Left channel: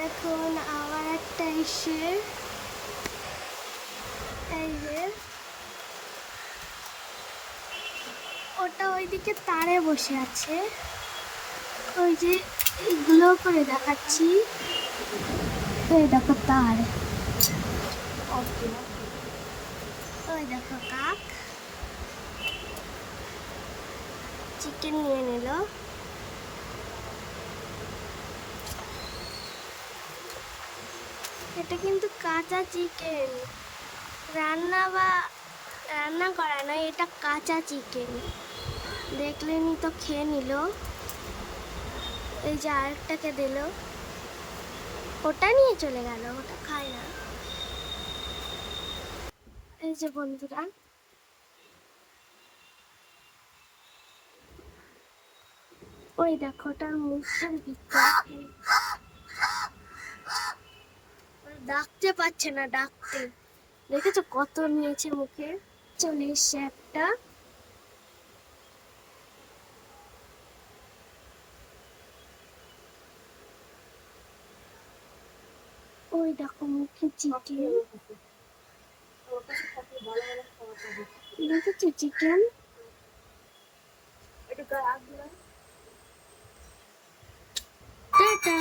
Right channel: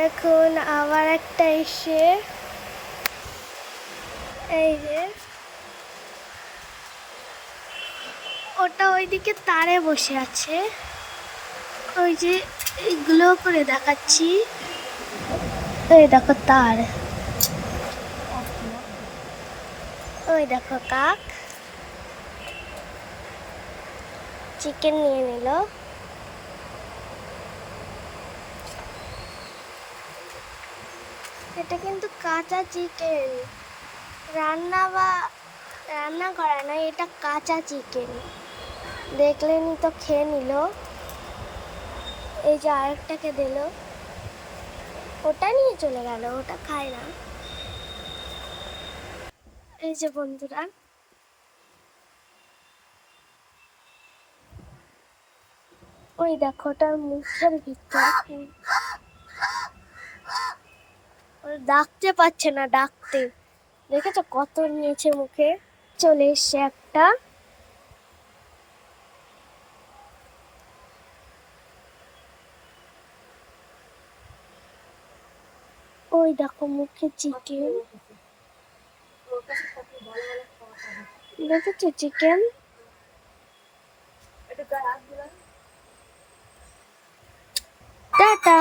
দেখুন আবার একটা এসে এই যে ওটা ওইদিকে তারে বসে আছে, ওই যে এইগুলো করে দেখাচ্ছি, ওই দেখো তার, ওই দেখো কাক চিকেন নিয়ে নিল। এটা কিন্তু কাঁচা চিকেন, রান্না করা নয়, এটা কাঁচা চিকেন। দেখলেনি তো খেয়ে নিল। এই যে আরেকটাকে দিল, ওটা নিয়ে চলে গেল, ওটা খায় না। এই যে বন্ধুরা, ওই দেখো ওটার মুখের ভিতরে ডাকতে পারছে না, ডাকতে দেখেছো কত নিয়েছে মুখে। চলে এসছে একটা, ওই দেখো মুখে চিকেন, দেখেছো চিকেন। টাটা।